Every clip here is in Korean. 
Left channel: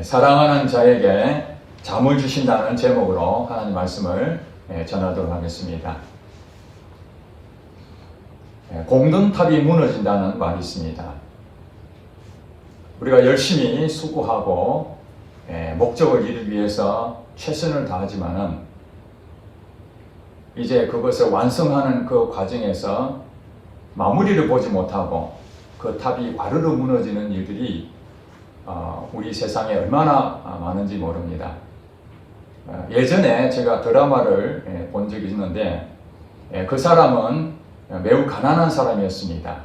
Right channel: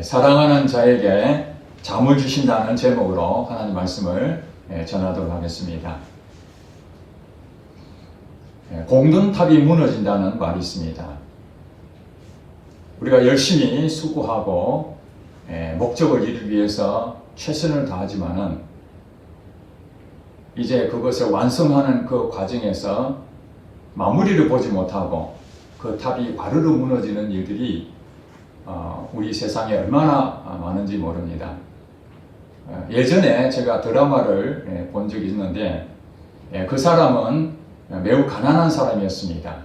사랑하는 자에게 잠을 주신다는 제목으로 하나님 말씀을 전하도록 하겠습니다. 공든탑이 무너진다는 말이 있습니다. 우리가 열심히 수고하고 목적을 이루기 위해서 최선을 다하지만은 이제 그것을 완성하는 그 과정에서 마무리를 보지 못하고 그 탑이 와르르 무너지는 일들이 우리 세상에 얼마나 많은지 모릅니다. 예전에 제가 드라마를 본 적이 있는데 그 사람은 매우 가난한 사람이었습니다.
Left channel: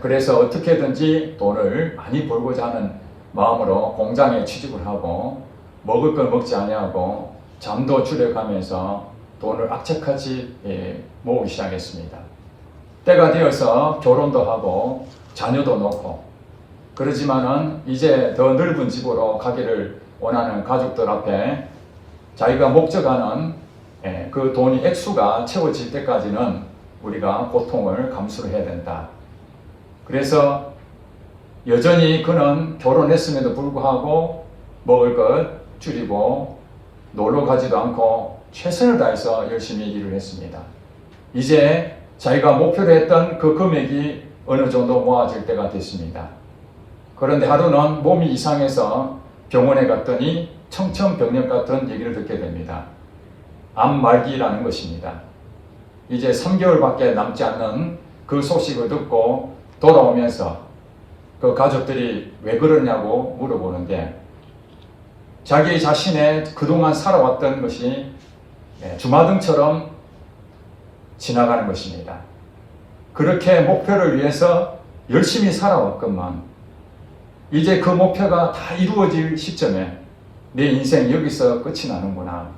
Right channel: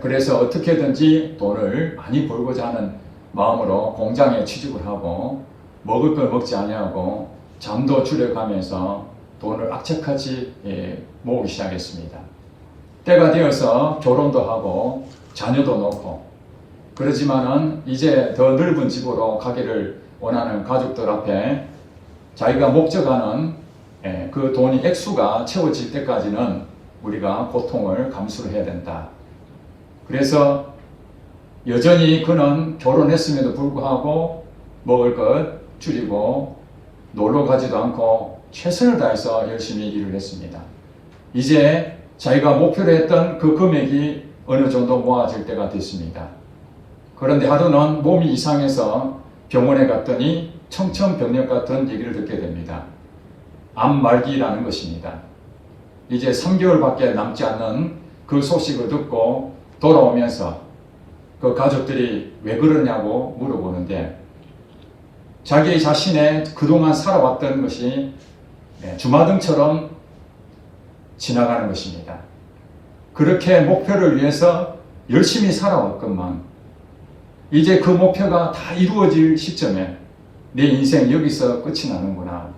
그래서 어떻게든지 돈을 많이 벌고자 하는 마음으로 공장에 취직을 하고 먹을 걸 먹지 아니하고 잠도 줄여가면서 돈을 악착같이 모으기 시작했습니다. 때가 되어서 결혼도 하고 자녀도 놓고 그러지만은 이제 더 넓은 집으로 가기를 원하는 가족들 앞에 자기가 목적하는 그 돈이 액수가 채워질 때까지는 우리가 고통을 감수를 해야 된다. 그래서 여전히 그는 결혼했음에도 불구하고 먹을 것 줄이고 놀러 가지도 않고 최선을 다해서 열심히 일을 했습니다. 이제 자기가 목표로 했던 그 금액이 어느 정도 모아질 때가 됐습니다. 그런데 하루는 몸이 이상해서 병원에 갔더니 청천벽력 같은 얘기를 듣게 됩니다. 암 말기라는 것입니다. 이제 3개월밖에 남지 않는 그 소식을 듣고 돌아오면서 그 가족들이 왜 그러냐고 물어보는데 자기 자신의 그동안 살아왔던 것이 주마등처럼 지나가는 것입니다. 그렇게 목표를 위해서 열심히 살아왔건만 이제 그 목표가 다 이루어질 시점에 내 인생 여기서 끝이 나는구나.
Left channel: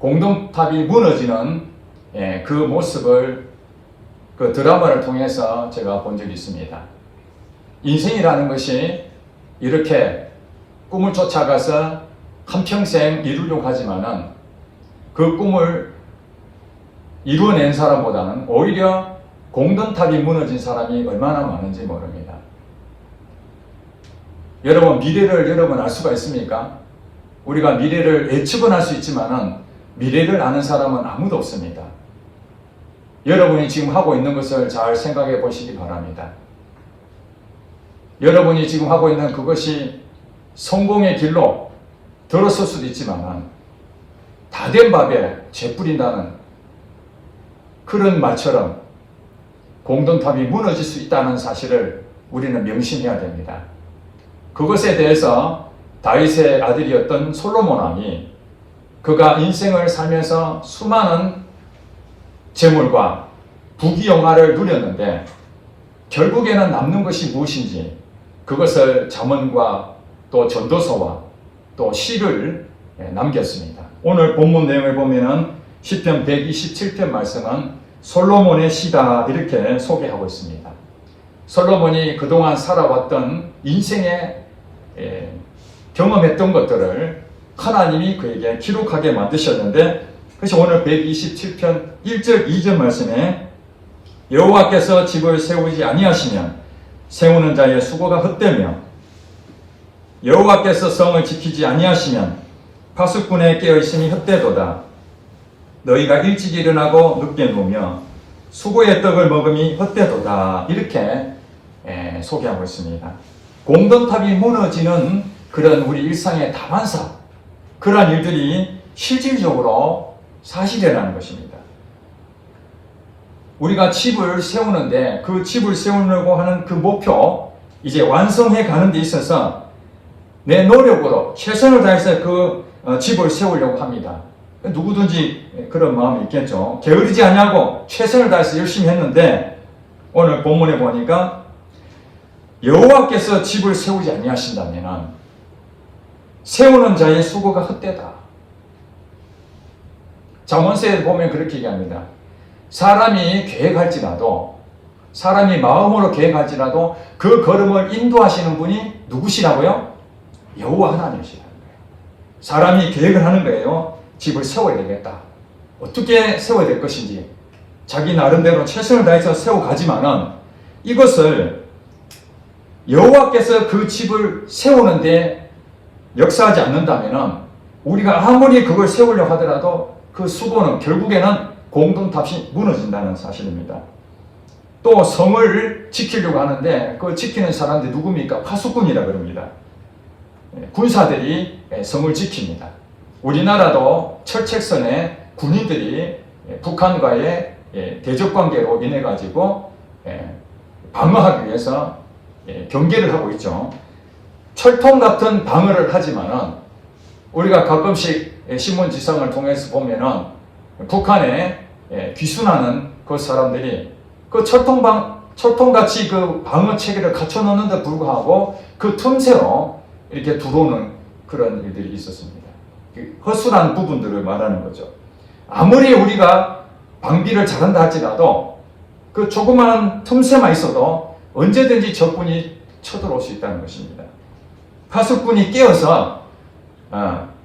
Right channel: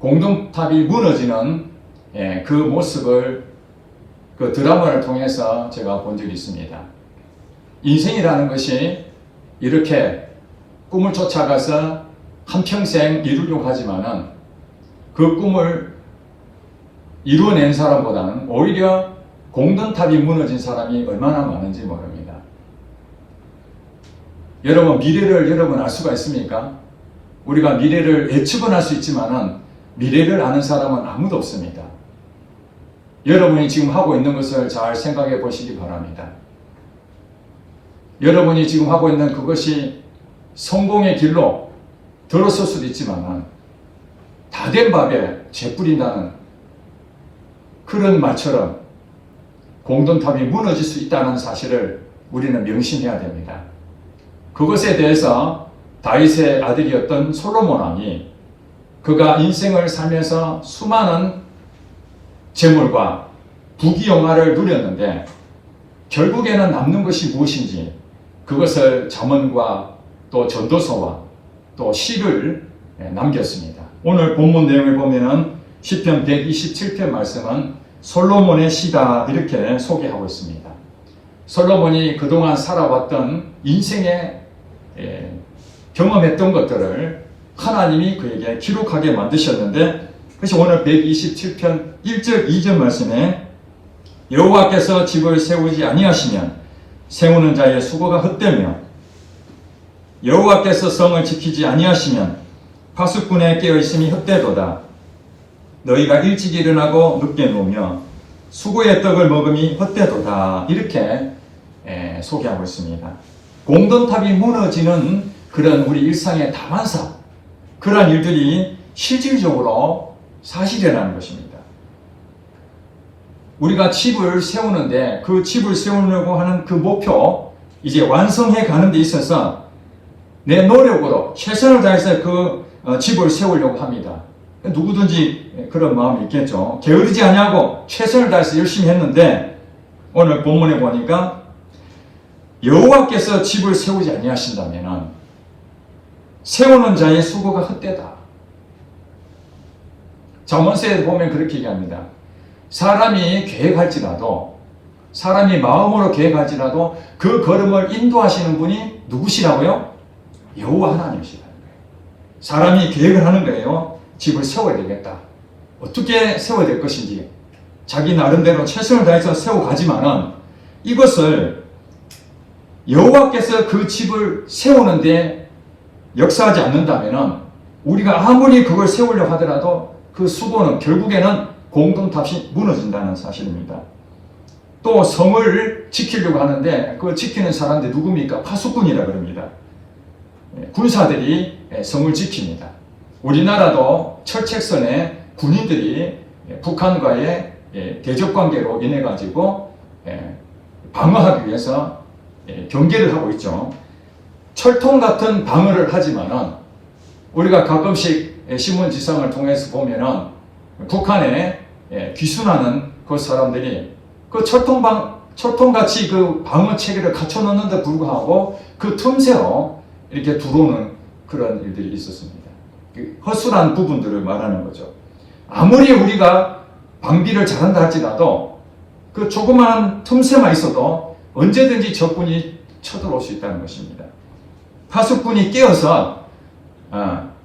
공든탑이 무너지는 그 모습을 그 드라마를 통해서 제가 본 적이 있습니다. 인생이라는 것이 이렇게 꿈을 쫓아가서 한평생 이루려고 하지만은 그 꿈을 이루어낸 사람보다는 오히려 공든탑이 무너진 사람이 얼마나 많은지 모릅니다. 여러분, 미래를 여러분 알 수가 있습니까? 우리가 미래를 예측은 할 수 있지만은 미래를 아는 사람은 아무도 없습니다. 여러분이 지금 하고 있는 것을 잘 생각해 보시기 바랍니다. 여러분이 지금 하고 있는 그것이 성공의 길로 들어설 수도 있지만 다 된 밥에 재 뿌린다는 그런 말처럼 공든탑이 무너질 수 있다는 사실을 우리는 명심해야 됩니다. 그것에 대해서 다윗의 아들이었던 솔로몬 왕이 그가 인생을 살면서 수많은 재물과 부귀영화를 누렸는데 결국에는 남는 것이 무엇인지 그것을 잠언과 또 전도서와 또 시를 남겼습니다. 오늘 본문 내용을 보면은 시편 127편 말씀은 솔로몬의 시다 이렇게 소개하고 있습니다. 솔로몬이 그동안 살아왔던 인생의 경험했던 것들을 하나님이 그에게 기록하게 만드셨는데 그래서 오늘 127편 1절 2절 말씀에 여호와께서 집을 세우지 아니하시면 세우는 자의 수고가 헛되며 여호와께서 성을 지키지 아니하시면 파수꾼의 깨어있음이 헛되도다. 너희가 일찍 일어나고 늦게 누우며 수고의 떡을 먹음이 헛되도다. 이렇게 소개하고 있습니다. 공든탑이 무너지는 그런 우리 일상의 다반사 그러한 일들이 실질적으로 사실이라는 것입니다. 우리가 집을 세우는데 그 집을 세우려고 하는 그 목표 이제 완성해 가는 데 있어서 내 노력으로 최선을 다해서 그 집을 세우려고 합니다. 누구든지 그런 마음이 있겠죠. 게으르지 않냐고 최선을 다해서 열심히 했는데 오늘 본문에 보니까 여호와께서 집을 세우지 아니하신다면 세우는 자의 수고가 헛되다. 잠언서에 보면 그렇게 얘기합니다. 사람이 계획할지라도 사람이 마음으로 계획할지라도 그 걸음을 인도하시는 분이 누구시라고요? 여호와 하나님이시라는 거예요. 사람이 계획을 하는 거예요. 집을 세워야 되겠다. 어떻게 세워야 될 것인지 자기 나름대로 최선을 다해서 세워가지만은 이것을 여호와께서 그 집을 세우는데 역사하지 않는다면 우리가 아무리 그걸 세우려고 하더라도 그 수고는 결국에는 공동탑이 무너진다는 사실입니다. 또 성을 지키려고 하는데 그 지키는 사람들 누굽니까? 파수꾼이라 그럽니다. 군사들이 성을 지킵니다. 우리나라도 철책선에 군인들이 북한과의 대적 관계로 인해 가지고 방어하기 위해서 경계를 하고 있죠. 철통 같은 방어를 하지만은 우리가 가끔씩 신문지상을 통해서 보면은 북한에 귀순하는 그 사람들이 그 철통같이 그 방어 체계를 갖춰놓는데 불구하고 그 틈새로 이렇게 들어오는 그런 일들이 있었습니다. 허술한 부분들을 말하는 거죠. 아무리 우리가 방비를 잘한다 할지라도 그 조그마한 틈새만 있어도 언제든지 적군이 쳐들어올 수 있다는 것입니다. 파수꾼이 깨어서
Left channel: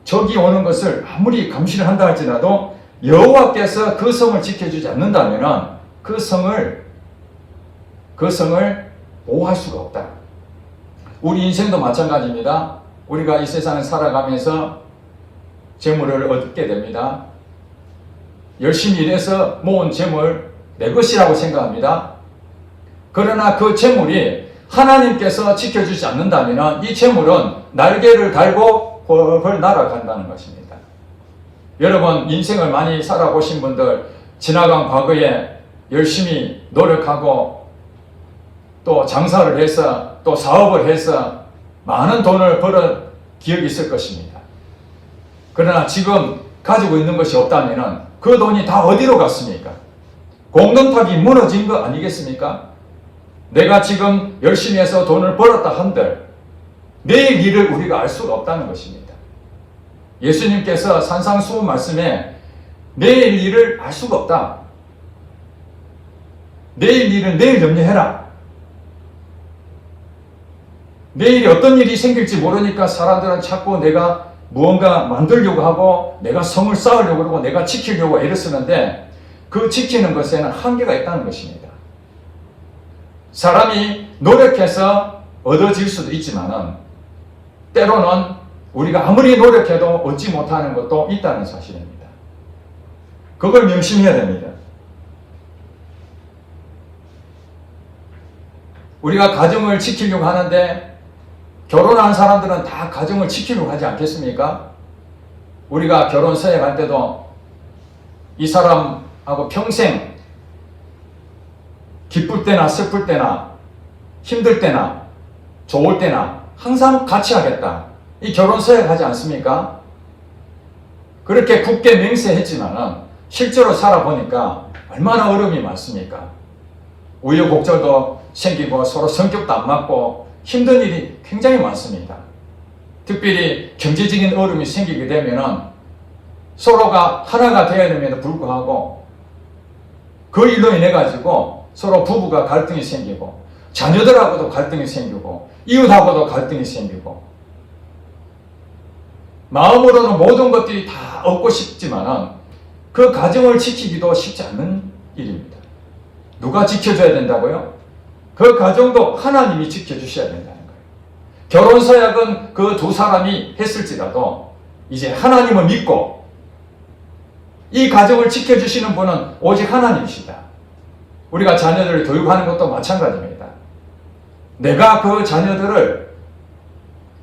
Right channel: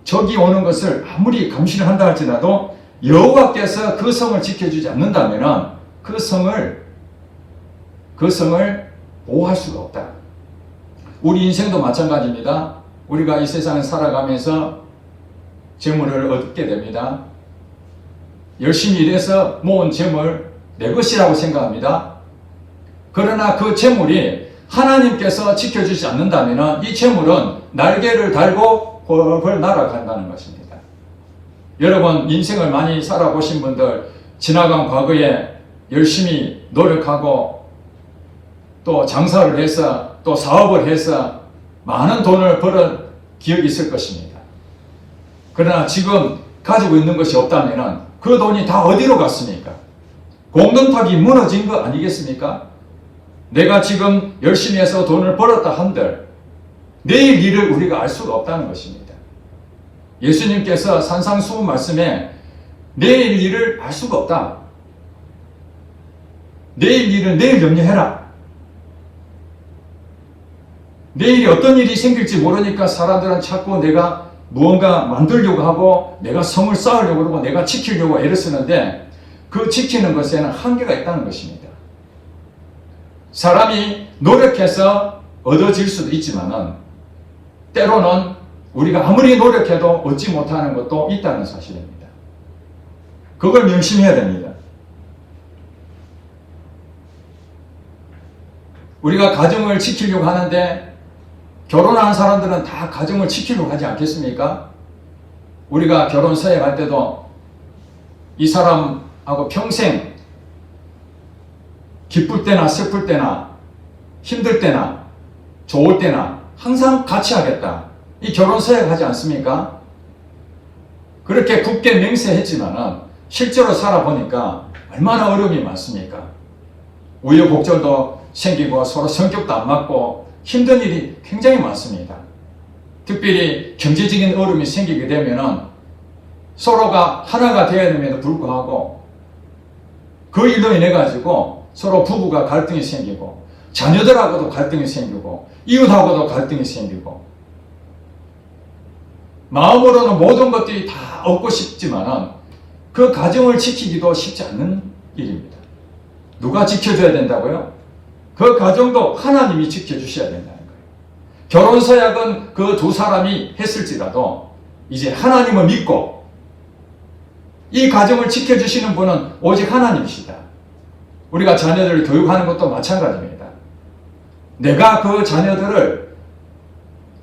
적이 오는 것을 아무리 감시를 한다 할지라도 여호와께서 그 성을 지켜주지 않는다면 그 성을 보호할 수가 없다. 우리 인생도 마찬가지입니다. 우리가 이 세상을 살아가면서 재물을 얻게 됩니다. 열심히 일해서 모은 재물 내 것이라고 생각합니다. 그러나 그 재물이 하나님께서 지켜주지 않는다면 이 재물은 날개를 달고 펄펄 날아간다는 것입니다. 여러분 인생을 많이 살아보신 분들 지나간 과거에 열심히 노력하고 또 장사를 해서 또 사업을 해서 많은 돈을 벌은 기억이 있을 것입니다. 그러나 지금 가지고 있는 것이 없다면 그 돈이 다 어디로 갔습니까? 공동탑이 무너진 거 아니겠습니까? 내가 지금 열심히 해서 돈을 벌었다 한들 내일 일을 우리가 알 수가 없다는 것입니다. 예수님께서 산상수훈 말씀에 내일 일을 알 수가 없다. 내일 일은 내일 염려해라. 내일이 어떤 일이 생길지 모르니까 사람들은 자꾸 내가 무언가 만들려고 하고 내가 성을 쌓으려고 그러고 내가 지키려고 애를 쓰는데 그 지키는 것에는 한계가 있다는 것입니다. 사람이 노력해서 얻어질 수도 있지만은 때로는 우리가 아무리 노력해도 얻지 못하는 것도 있다는 사실입니다. 그걸 명심해야 됩니다. 우리가 가정을 지키려고 하는데 결혼한 사람들은 다 가정을 지키려고 하지 않겠습니까? 우리가 결혼서에 갈 때도 이 사람하고 평생 기쁠 때나 슬플 때나 힘들 때나 좋을 때나 항상 같이 하겠다. 이 결혼서에 가지 않습니까? 그렇게 굳게 맹세했지만은 실제로 살아보니까 얼마나 어려움이 많습니까? 우여곡절도 생기고 서로 성격도 안 맞고 힘든 일이 굉장히 많습니다. 특별히 경제적인 어려움이 생기게 되면은 서로가 하나가 되어야 됨에도 불구하고 그 일로 인해 가지고 서로 부부가 갈등이 생기고 자녀들하고도 갈등이 생기고 이웃하고도 갈등이 생기고 마음으로는 모든 것들이 다 얻고 싶지만은 그 가정을 지키기도 쉽지 않은 일입니다. 누가 지켜줘야 된다고요? 그 가정도 하나님이 지켜주셔야 된다는 거예요. 결혼서약은 그 두 사람이 했을지라도 이제 하나님을 믿고 이 가정을 지켜주시는 분은 오직 하나님이시다. 우리가 자녀들을 교육하는 것도 마찬가지입니다. 내가 그 자녀들을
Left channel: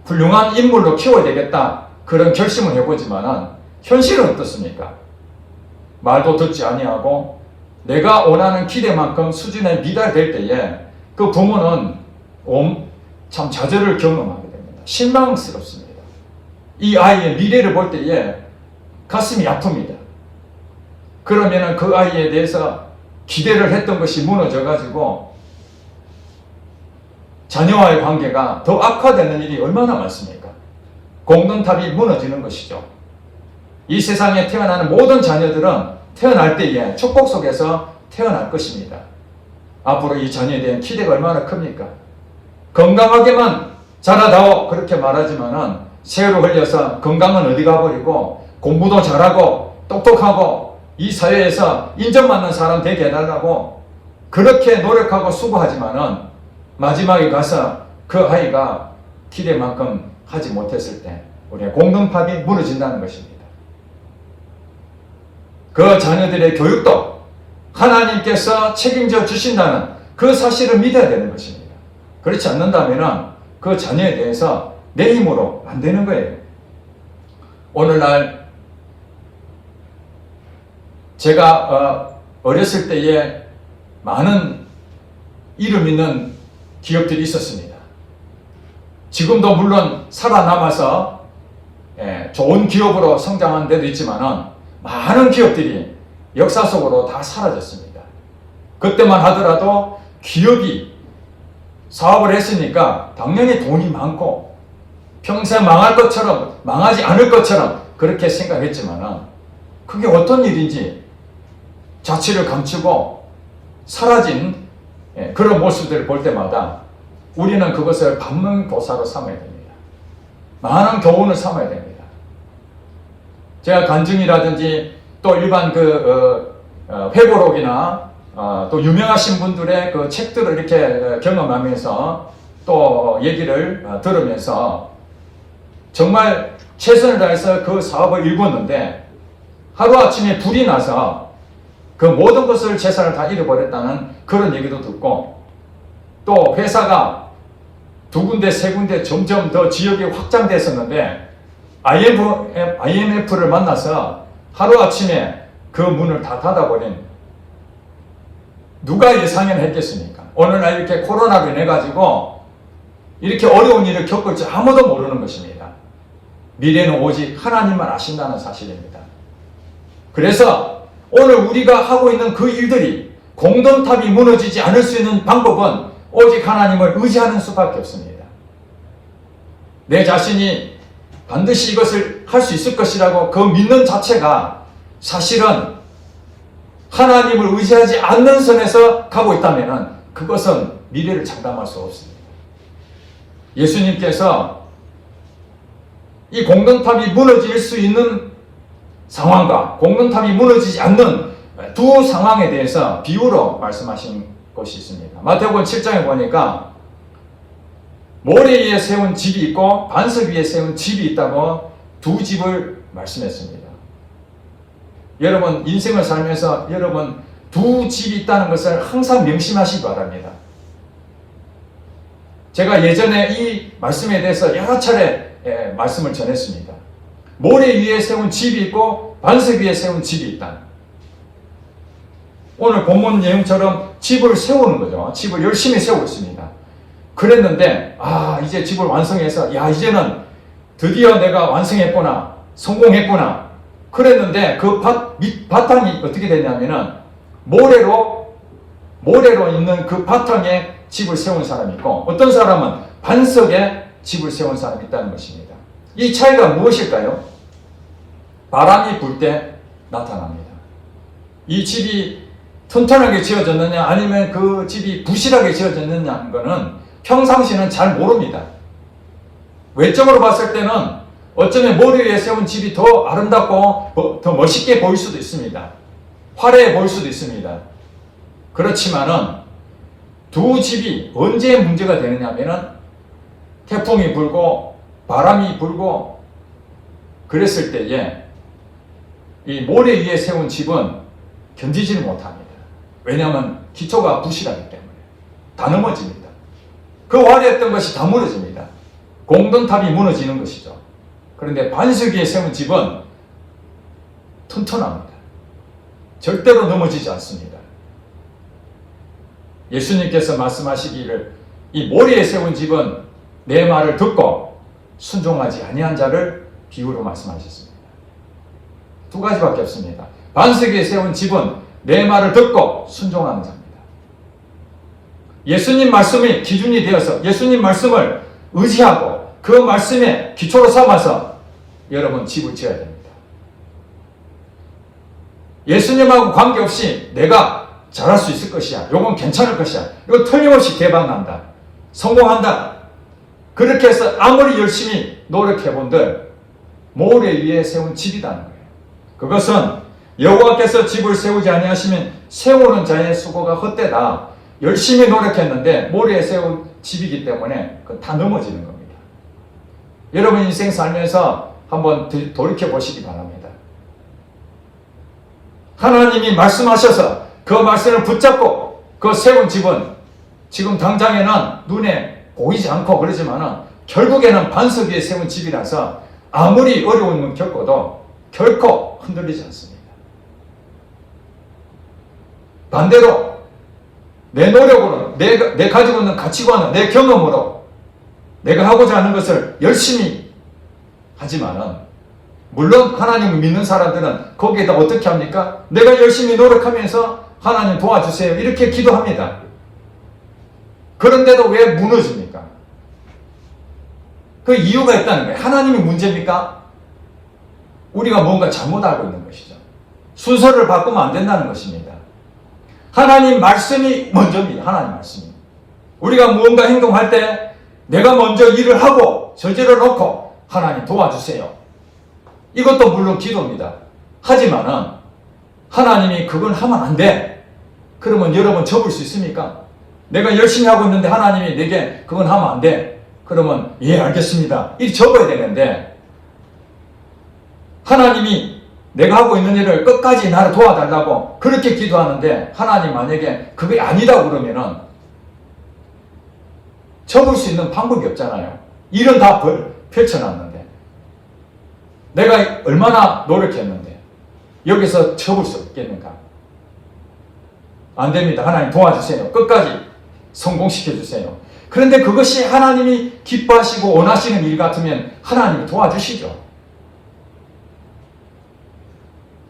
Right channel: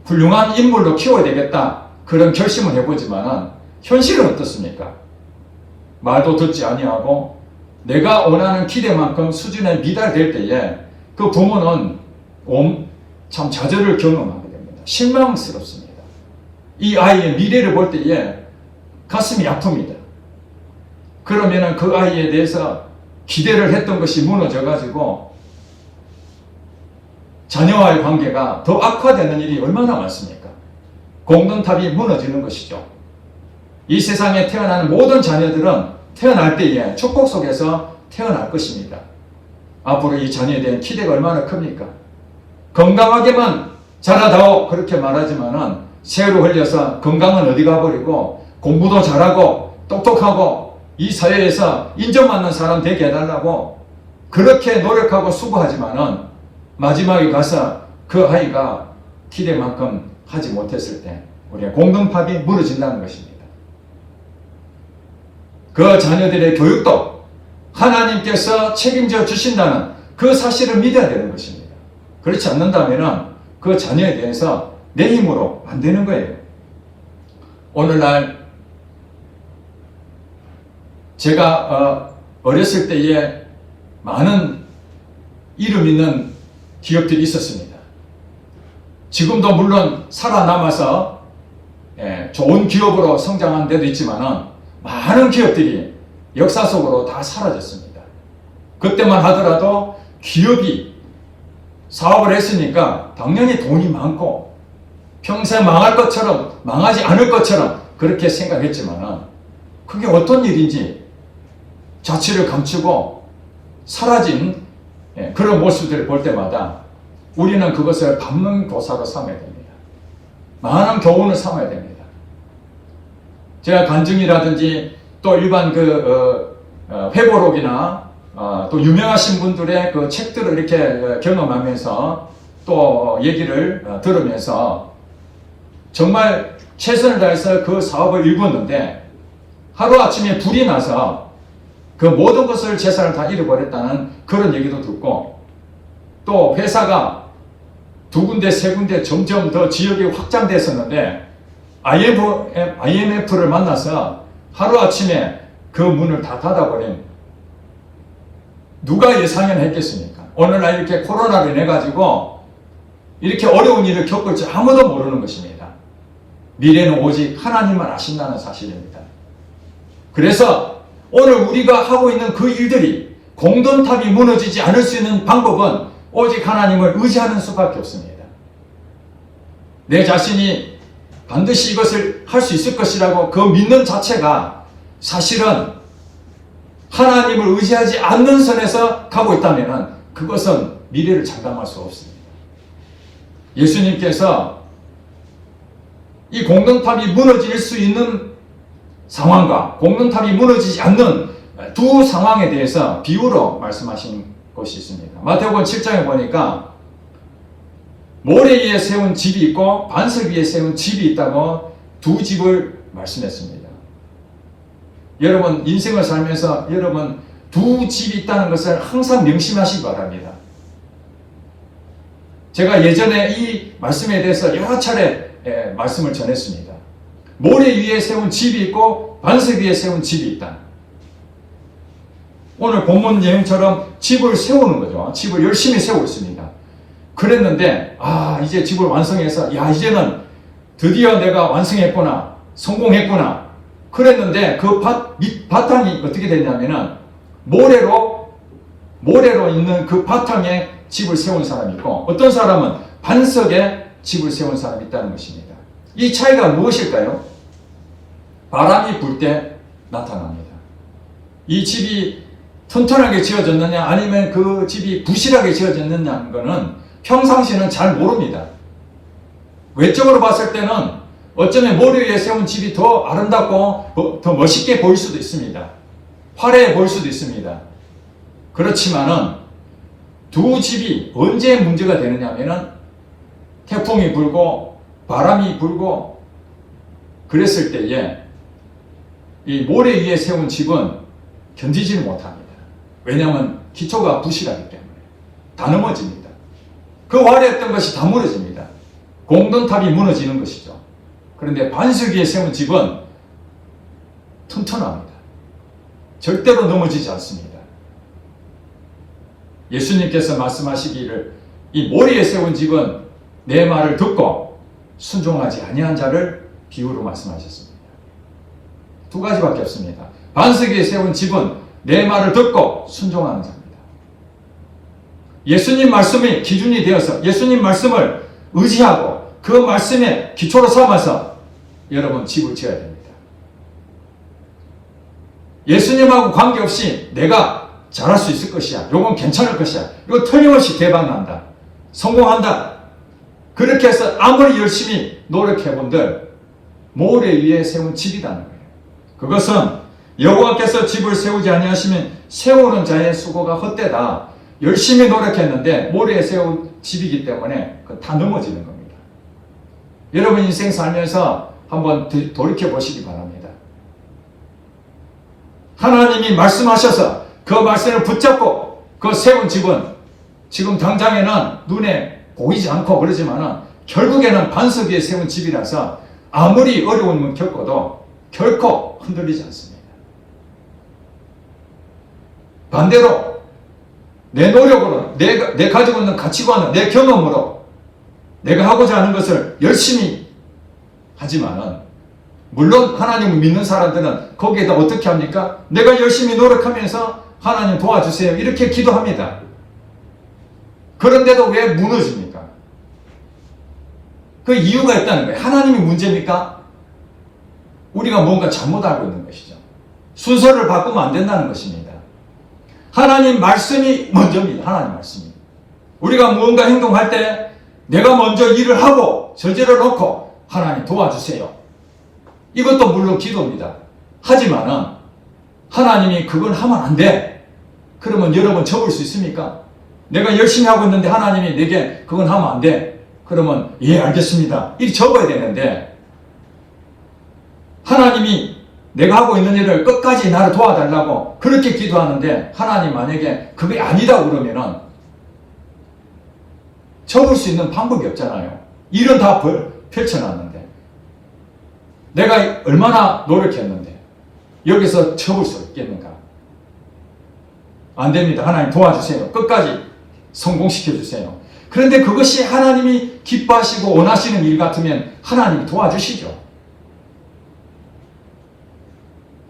훌륭한 인물로 키워야 되겠다. 그런 결심을 해보지만은 현실은 어떻습니까? 말도 듣지 아니하고 내가 원하는 기대만큼 수준에 미달될 때에 그 부모는 참 좌절을 경험하게 됩니다. 실망스럽습니다. 이 아이의 미래를 볼 때에 가슴이 아픕니다. 그러면은 그 아이에 대해서 기대를 했던 것이 무너져가지고 자녀와의 관계가 더 악화되는 일이 얼마나 많습니까? 공동탑이 무너지는 것이죠. 이 세상에 태어나는 모든 자녀들은 태어날 때에 축복 속에서 태어날 것입니다. 앞으로 이 자녀에 대한 기대가 얼마나 큽니까? 건강하게만 자라다오 그렇게 말하지만은 세월을 흘려서 건강은 어디 가버리고 공부도 잘하고 똑똑하고 이 사회에서 인정받는 사람 되게 해달라고 그렇게 노력하고 수고하지만은 마지막에 가서 그 아이가 기대만큼 하지 못했을 때 우리의 공동탑이 무너진다는 것입니다. 그 자녀들의 교육도 하나님께서 책임져 주신다는 그 사실을 믿어야 되는 것입니다. 그렇지 않는다면 그 자녀에 대해서 내 힘으로 안 되는 거예요. 오늘날 제가 어렸을 때에 많은 이름 있는 기업들이 있었습니다. 지금도 물론 살아남아서 좋은 기업으로 성장한 데도 있지만 많은 기업들이 역사 속으로 다 사라졌습니다. 그때만 하더라도 기업이 사업을 했으니까 당연히 돈이 많고 평생 망할 것처럼 망하지 않을 것처럼 그렇게 생각했지만 그게 어떤 일인지 자취를 감추고 사라진 그런 모습들을 볼 때마다 우리는 그것을 반면교사로 삼아야 됩니다. 많은 교훈을 삼아야 됩니다. 제가 간증이라든지 또 일반 회고록이나 또 유명하신 분들의 그 책들을 이렇게 경험하면서 또 얘기를 들으면서 정말 최선을 다해서 그 사업을 일궜는데 하루아침에 불이 나서 그 모든 것을 재산을 다 잃어버렸다는 그런 얘기도 듣고 또 회사가 두 군데 세 군데 점점 더 지역이 확장됐었는데 IMF를 만나서 하루아침에 그 문을 다 닫아버린 누가 예상을 했겠습니까? 오늘날 이렇게 코로나로 인해 가지고 이렇게 어려운 일을 겪을지 아무도 모르는 것입니다. 미래는 오직 하나님만 아신다는 사실입니다. 그래서 오늘 우리가 하고 있는 그 일들이 공동탑이 무너지지 않을 수 있는 방법은 오직 하나님을 의지하는 수밖에 없습니다. 내 자신이 반드시 이것을 할 수 있을 것이라고 그 믿는 자체가 사실은 하나님을 의지하지 않는 선에서 가고 있다면 그것은 미래를 장담할 수 없습니다. 예수님께서 이 공동탑이 무너질 수 있는 상황과 공동탑이 무너지지 않는 두 상황에 대해서 비유로 말씀하신 곳이 있습니다. 마태복음 7장에 보니까 모래 위에 세운 집이 있고 반석 위에 세운 집이 있다고 두 집을 말씀했습니다. 여러분 인생을 살면서 여러분 두 집이 있다는 것을 항상 명심하시기 바랍니다. 제가 예전에 이 말씀에 대해서 여러 차례 말씀을 전했습니다. 모래 위에 세운 집이 있고 반석 위에 세운 집이 있다. 오늘 본문 내용처럼 집을 세우는 거죠. 집을 열심히 세우고 있습니다. 그랬는데 이제 집을 완성해서 이제는 드디어 내가 완성했구나, 성공했구나. 그랬는데 그 바탕이 어떻게 되냐면은 모래로 있는 그 바탕에 집을 세운 사람이 있고 어떤 사람은 반석에 집을 세운 사람이 있다는 것입니다. 이 차이가 무엇일까요? 바람이 불 때 나타납니다. 이 집이 튼튼하게 지어졌느냐 아니면 그 집이 부실하게 지어졌느냐는 것은 평상시는 잘 모릅니다. 외적으로 봤을 때는 어쩌면 모래 위에 세운 집이 더 아름답고 더 멋있게 보일 수도 있습니다. 화려해 보일 수도 있습니다. 그렇지만은 두 집이 언제 문제가 되느냐 하면은 태풍이 불고 바람이 불고 그랬을 때에 이 모래 위에 세운 집은 견디지를 못합니다. 왜냐하면 기초가 부실하기 때문에 다 넘어집니다. 그 화려했던 것이 다 무너집니다. 공동탑이 무너지는 것이죠. 그런데 반석 위에 세운 집은 튼튼합니다. 절대로 넘어지지 않습니다. 예수님께서 말씀하시기를 이 모래에 세운 집은 내 말을 듣고 순종하지 아니한 자를 비유로 말씀하셨습니다. 두 가지밖에 없습니다. 반석 위에 세운 집은 내 말을 듣고 순종하는 자입니다. 예수님 말씀이 기준이 되어서 예수님 말씀을 의지하고 그 말씀에 기초로 삼아서 여러분 집을 지어야 됩니다. 예수님하고 관계없이 내가 잘할 수 있을 것이야. 이건 괜찮을 것이야. 이거 틀림없이 대박난다. 성공한다. 그렇게 해서 아무리 열심히 노력해본들 모래 위에 세운 집이라는 거예요. 그것은 여호와께서 집을 세우지 아니하시면 세우는 자의 수고가 헛되다. 열심히 노력했는데 모래에 세운 집이기 때문에 다 넘어지는 겁니다. 여러분 인생 살면서 한번 돌이켜 보시기 바랍니다. 하나님이 말씀하셔서 그 말씀을 붙잡고 그 세운 집은 지금 당장에는 눈에 보이지 않고 그러지만은 결국에는 반석 위에 세운 집이라서 아무리 어려움을 겪어도 결코 흔들리지 않습니다. 반대로 내 노력으로 내 가지고 있는 가치관은 내 경험으로 내가 하고자 하는 것을 열심히 하지만은 물론 하나님을 믿는 사람들은 거기에다 어떻게 합니까? 내가 열심히 노력하면서 하나님 도와주세요 이렇게 기도합니다. 그런데도 왜 무너집니까? 그 이유가 있다는 거예요. 하나님이 문제입니까? 우리가 뭔가 잘못 알고 있는 것이죠. 순서를 바꾸면 안 된다는 것입니다. 하나님 말씀이 먼저입니다. 하나님 말씀이. 우리가 무언가 행동할 때 내가 먼저 일을 하고 저지러 놓고 하나님 도와주세요. 이것도 물론 기도입니다. 하지만은 하나님이 그건 하면 안 돼. 그러면 여러분 접을 수 있습니까? 내가 열심히 하고 있는데 하나님이 내게 그건 하면 안 돼. 그러면 예 알겠습니다. 이렇게 접어야 되는데 하나님이 내가 하고 있는 일을 끝까지 나를 도와달라고 그렇게 기도하는데 하나님 만약에 그게 아니다 그러면은 접을 수 있는 방법이 없잖아요. 일은 다 펼쳐놨는데 내가 얼마나 노력했는데 여기서 접을 수 없겠는가? 안 됩니다. 하나님 도와주세요. 끝까지 성공시켜주세요. 그런데 그것이 하나님이 기뻐하시고 원하시는 일 같으면 하나님이 도와주시죠.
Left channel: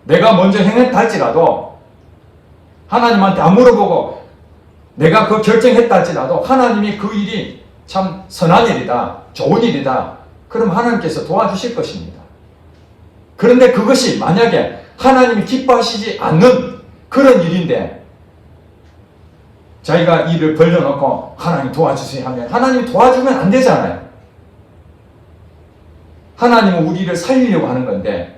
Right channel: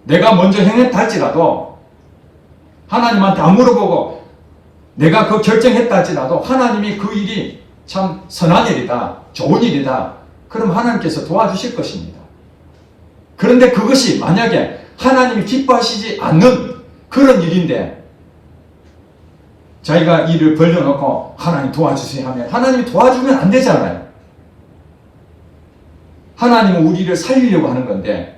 내가 먼저 행했다 할지라도 하나님한테 안 물어보고 내가 그 결정했다 할지라도 하나님이 그 일이 참 선한 일이다, 좋은 일이다. 그럼 하나님께서 도와주실 것입니다. 그런데 그것이 만약에 하나님이 기뻐하시지 않는 그런 일인데 자기가 일을 벌려놓고 하나님 도와주세요 하면 하나님이 도와주면 안 되잖아요. 하나님은 우리를 살리려고 하는 건데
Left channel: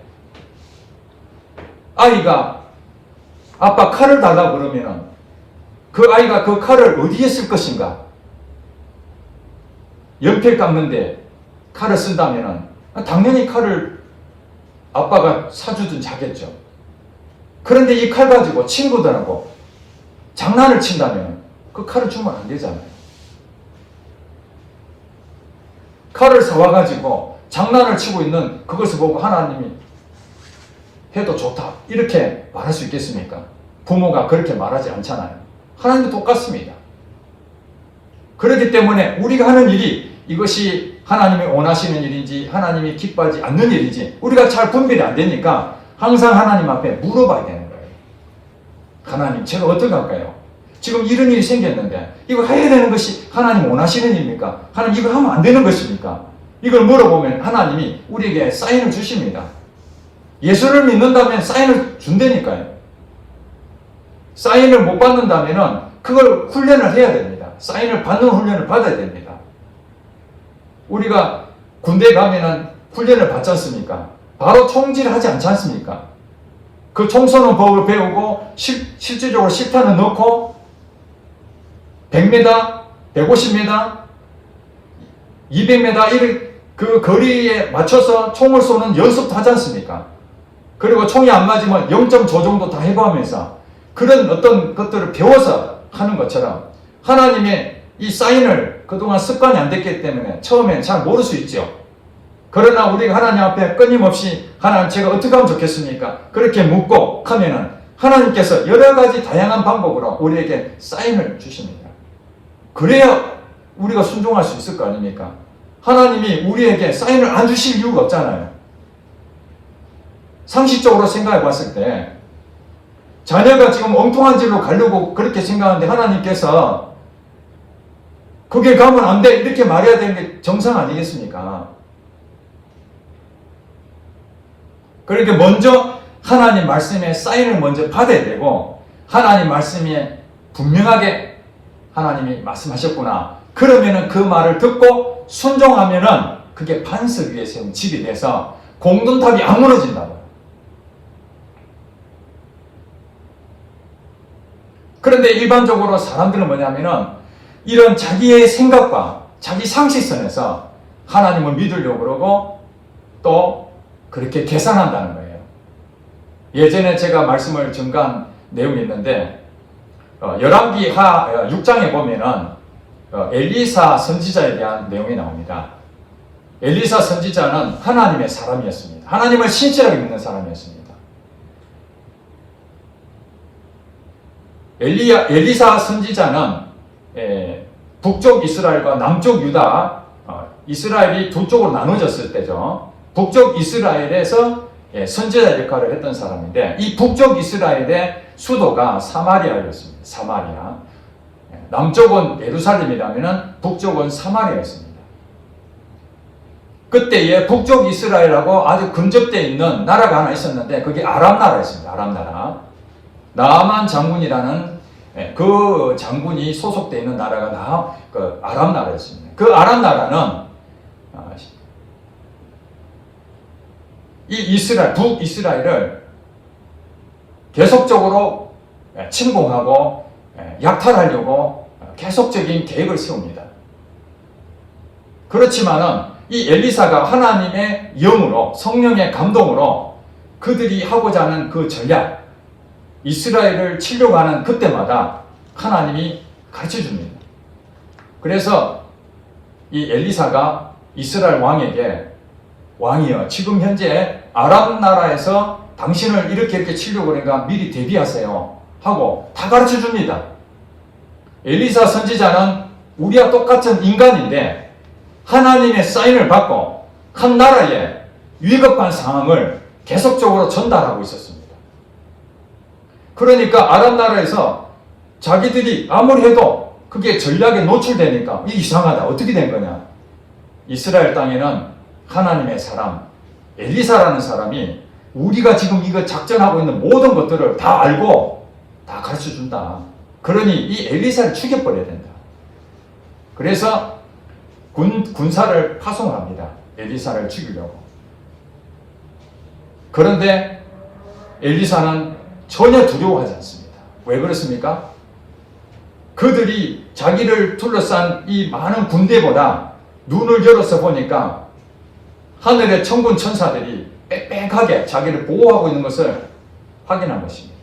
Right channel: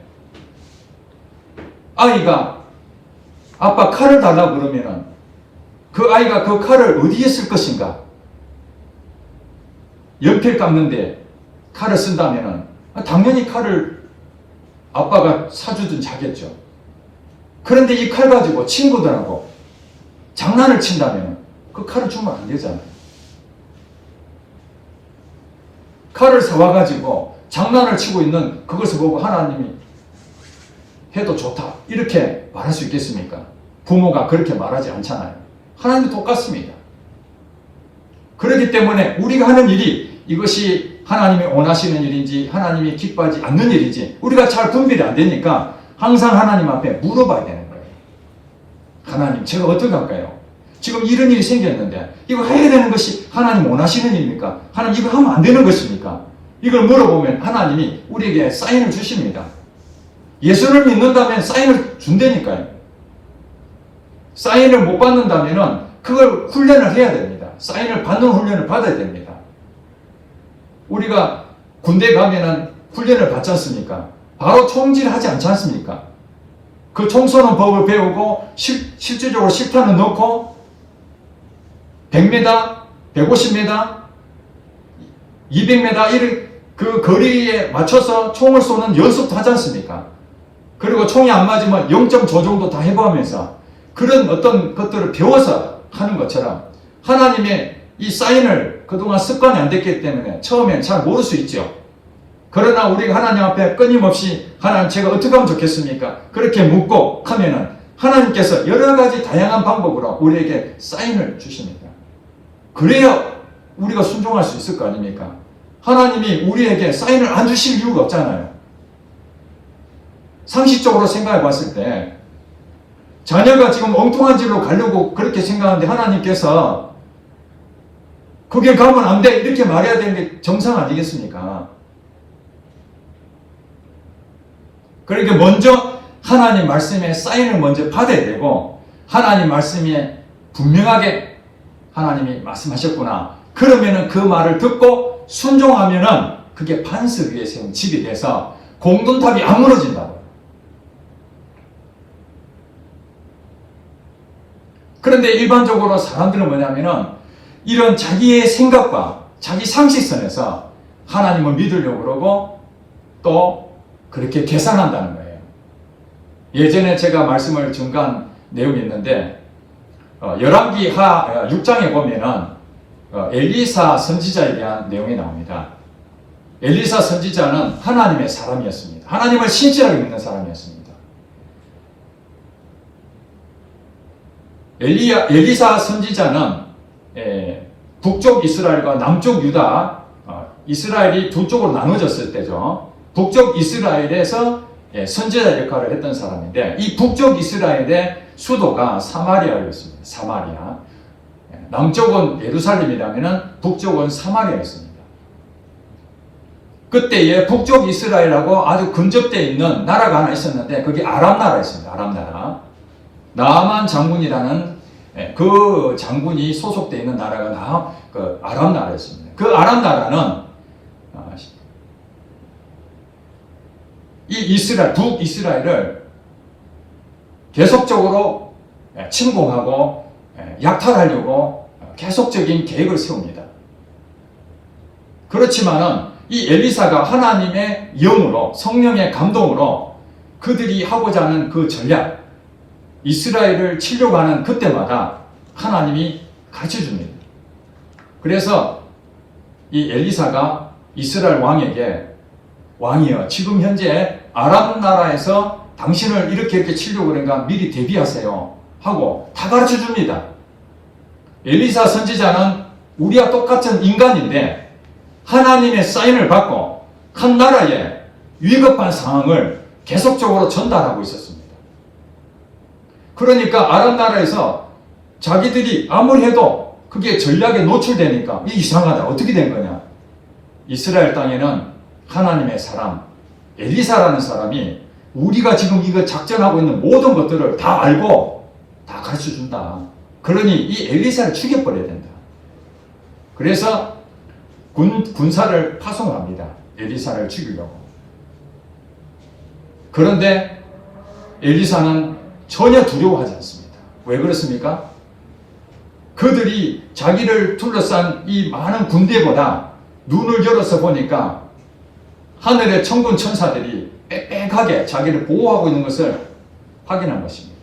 아이가 아빠 칼을 달라고 그러면은 그 아이가 그 칼을 어디에 쓸 것인가? 연필 깎는데 칼을 쓴다면은 당연히 칼을 아빠가 사주든 자겠죠. 그런데 이 칼 가지고 친구들하고 장난을 친다면 그 칼을 주면 안 되잖아요. 칼을 사와가지고 장난을 치고 있는 그것을 보고 하나님이 해도 좋다 이렇게 말할 수 있겠습니까? 부모가 그렇게 말하지 않잖아요. 하나님도 똑같습니다. 그렇기 때문에 우리가 하는 일이 이것이 하나님이 원하시는 일인지 하나님이 기뻐하지 않는 일인지 우리가 잘 분별이 안 되니까 항상 하나님 앞에 물어봐야 되는 거예요. 하나님 제가 어떻게 할까요? 지금 이런 일이 생겼는데 이거 해야 되는 것이 하나님 원하시는 일입니까? 하나님 이거 하면 안 되는 것입니까? 이걸 물어보면 하나님이 우리에게 사인을 주십니다. 예수를 믿는다면 사인을 준다니까요. 사인을 못 받는다면 그걸 훈련을 해야 됩니다. 사인을 받는 훈련을 받아야 됩니다. 우리가 군대 가면은 훈련을 받지 않습니까? 바로 총질하지 않지 않습니까? 그 총 쏘는 법을 배우고 실제적으로 실탄을 넣고 100m, 150m, 200m 이런 그 거리에 맞춰서 총을 쏘는 연습도 하지 않습니까? 그리고 총이 안 맞으면 0.5 정도 다 해보면서 그런 어떤 것들을 배워서 하는 것처럼 하나님의 이 사인을 그동안 습관이 안 됐기 때문에 처음엔 잘 모를 수 있죠. 그러나 우리가 하나님 앞에 끊임없이 하나님 제가 어떻게 하면 좋겠습니까? 그렇게 묻고 하면은 하나님께서 여러 가지 다양한 방법으로 우리에게 사인을 주십니다. 그래야 우리가 순종할 수 있을 거 아닙니까? 하나님이 우리에게 사인을 안 주실 이유가 없잖아요. 상식적으로 생각해 봤을 때 자녀가 지금 엉뚱한 길로 가려고 그렇게 생각하는데 하나님께서 그게 가면 안 돼 이렇게 말해야 되는 게 정상 아니겠습니까? 그러니까 먼저 하나님 말씀에 사인을 먼저 받아야 되고 하나님 말씀에 분명하게 하나님이 말씀하셨구나. 그러면은 그 말을 듣고 순종하면은 그게 반석 위에 세운 집이 돼서 공동탑이 안 무너진다고요. 그런데 일반적으로 사람들은 뭐냐면은 이런 자기의 생각과 자기 상식선에서 하나님을 믿으려고 그러고 또 그렇게 계산한다는 거예요. 예전에 제가 말씀을 증가한 내용이 있는데 열왕기 하 6장에 보면은 엘리사 선지자에 대한 내용이 나옵니다. 엘리사 선지자는 하나님의 사람이었습니다. 하나님을 신실하게 믿는 사람이었습니다. 엘리사 선지자는 북쪽 이스라엘과 남쪽 유다, 이스라엘이 두 쪽으로 나눠졌을 때죠. 북쪽 이스라엘에서 선지자 역할을 했던 사람인데 이 북쪽 이스라엘의 수도가 사마리아였습니다. 사마리아. 남쪽은 예루살렘이라면 북쪽은 사마리아였습니다. 그때에 북쪽 이스라엘하고 아주 근접되어 있는 나라가 하나 있었는데 그게 아람 나라였습니다. 아람 나라. 나아만 장군이라는 그 장군이 소속되어 있는 나라가 그 아람 나라였습니다. 그 아람 나라는 이 이스라엘, 북이스라엘을 계속적으로 침공하고 약탈하려고 계속적인 계획을 세웁니다. 그렇지만은 이 엘리사가 하나님의 영으로 성령의 감동으로 그들이 하고자 하는 그 전략, 이스라엘을 치려고 하는 그때마다 하나님이 가르쳐 줍니다. 그래서 이 엘리사가 이스라엘 왕에게 왕이여 지금 현재 아람 나라에서 당신을 이렇게 치려고 그러니까 미리 대비하세요 하고 다 가르쳐 줍니다. 엘리사 선지자는 우리와 똑같은 인간인데 하나님의 사인을 받고 한 나라에 위급한 상황을 계속적으로 전달하고 있었습니다. 그러니까 아람 나라에서 자기들이 아무리 해도 그게 전략에 노출되니까 이상하다. 어떻게 된 거냐. 이스라엘 땅에는 하나님의 사람 엘리사라는 사람이 우리가 지금 이거 작전하고 있는 모든 것들을 다 알고 다 가르쳐 준다. 그러니 이 엘리사를 죽여버려야 된다. 그래서 군사를 파송합니다. 엘리사를 죽이려고. 그런데 엘리사는 전혀 두려워하지 않습니다. 왜 그렇습니까? 그들이 자기를 둘러싼 이 많은 군대보다 눈을 열어서 보니까 하늘의 천군 천사들이 빽빽하게 자기를 보호하고 있는 것을 확인한 것입니다.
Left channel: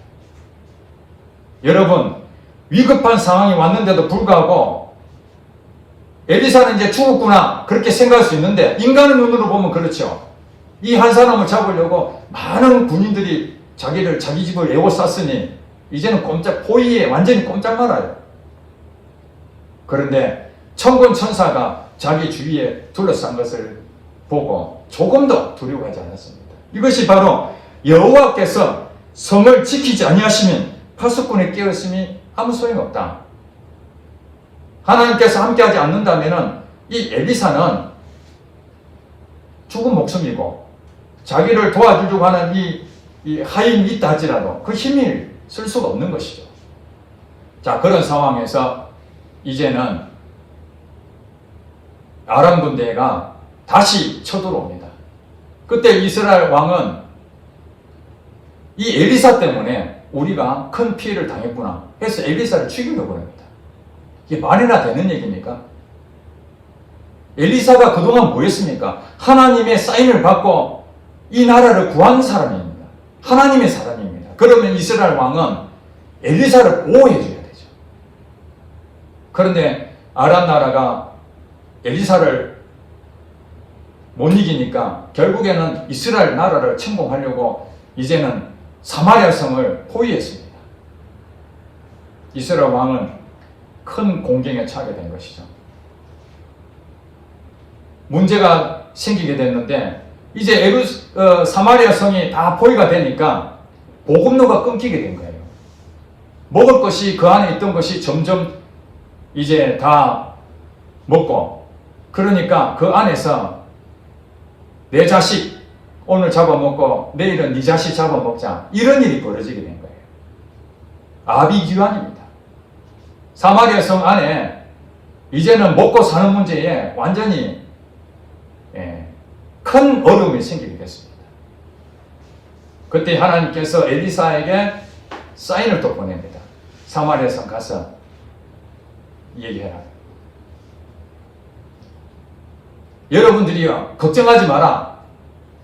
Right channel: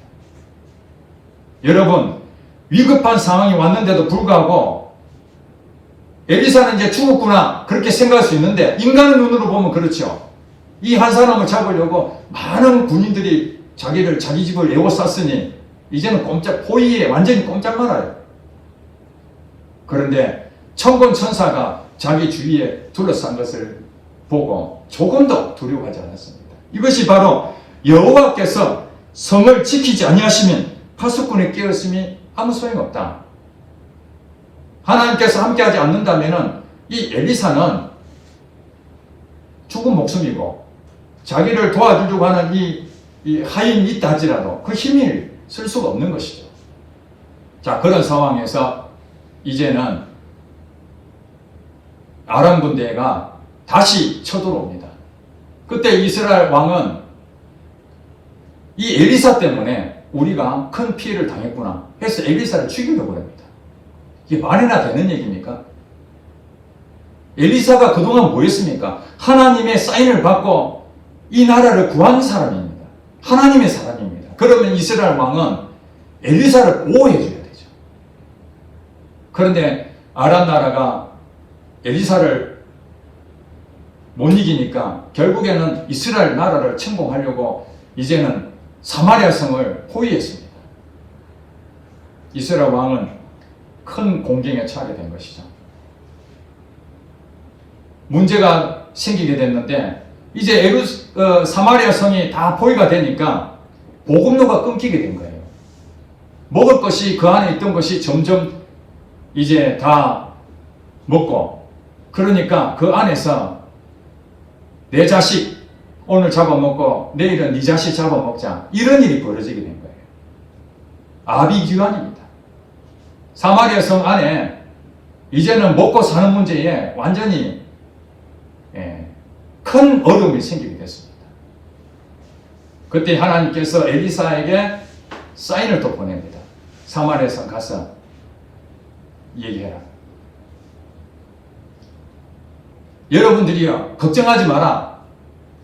여러분, 위급한 상황이 왔는데도 불구하고 엘리사는 이제 죽었구나 그렇게 생각할 수 있는데 인간의 눈으로 보면 그렇죠. 이 한 사람을 잡으려고 많은 군인들이 자기 집을 에워쌌으니 이제는 포위에 완전히 꼼짝 말아요. 그런데 천군 천사가 자기 주위에 둘러싼 것을 보고 조금도 두려워하지 않았습니다. 이것이 바로 여호와께서 성을 지키지 아니하시면 파수꾼의 깨었음이 아무 소용없다. 하나님께서 함께하지 않는다면 이 엘리사는 죽은 목숨이고 자기를 도와주려고 하는 이 하인이 있다 할지라도 그 힘을 쓸 수가 없는 것이죠. 자, 그런 상황에서 이제는 아람 군대가 다시 쳐들어옵니다. 그때 이스라엘 왕은 이 엘리사 때문에 우리가 큰 피해를 당했구나 해서 엘리사를 죽이려고 합니다. 이게 말이나 되는 얘기입니까? 엘리사가 그동안 뭐 했습니까? 하나님의 사인을 받고 이 나라를 구한 사람입니다. 하나님의 사람입니다. 그러면 이스라엘 왕은 엘리사를 보호해 줘야 되죠. 그런데 아람 나라가 엘리사를 못 이기니까 결국에는 이스라엘 나라를 침공하려고 이제는 사마리아 성을 포위했습니다. 이스라엘 왕은 큰 공경에 처하게 된 것이죠. 문제가 생기게 됐는데 이제 사마리아 성이 다 포위가 되니까 보급로가 끊기게 된 거예요. 먹을 것이 그 안에 있던 것이 점점 이제 다 먹고 그러니까 그 안에서 내 자식 오늘 잡아먹고 내일은 네 자식 잡아먹자 이런 일이 벌어지게 된 거예요. 아비규환입니다. 사마리아 성 안에 이제는 먹고 사는 문제에 완전히 큰 어려움이 생기게 됐습니다. 그때 하나님께서 엘리사에게 사인을 또 보냅니다. 사마리아 성 가서 얘기해라. 여러분들이요, 걱정하지 마라.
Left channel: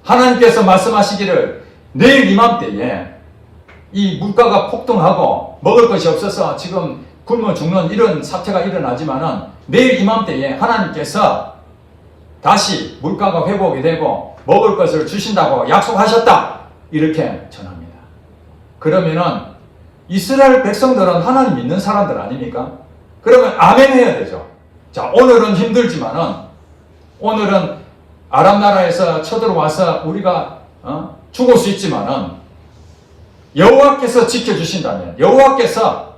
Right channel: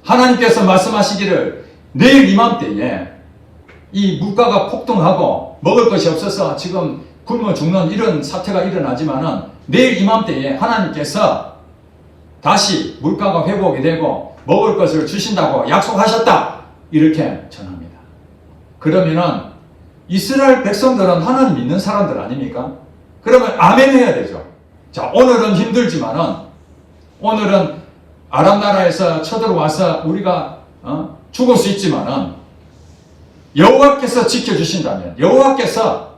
하나님께서 말씀하시기를 내일 이맘때에 이 물가가 폭등하고 먹을 것이 없어서 지금 굶어 죽는 이런 사태가 일어나지만은 내일 이맘때에 하나님께서 다시 물가가 회복이 되고 먹을 것을 주신다고 약속하셨다. 이렇게 전합니다. 그러면은 이스라엘 백성들은 하나님 믿는 사람들 아닙니까? 그러면 아멘 해야 되죠. 자, 오늘은 힘들지만은 오늘은 아람 나라에서 쳐들어와서 우리가 죽을 수 있지만은 여호와께서 지켜주신다면 여호와께서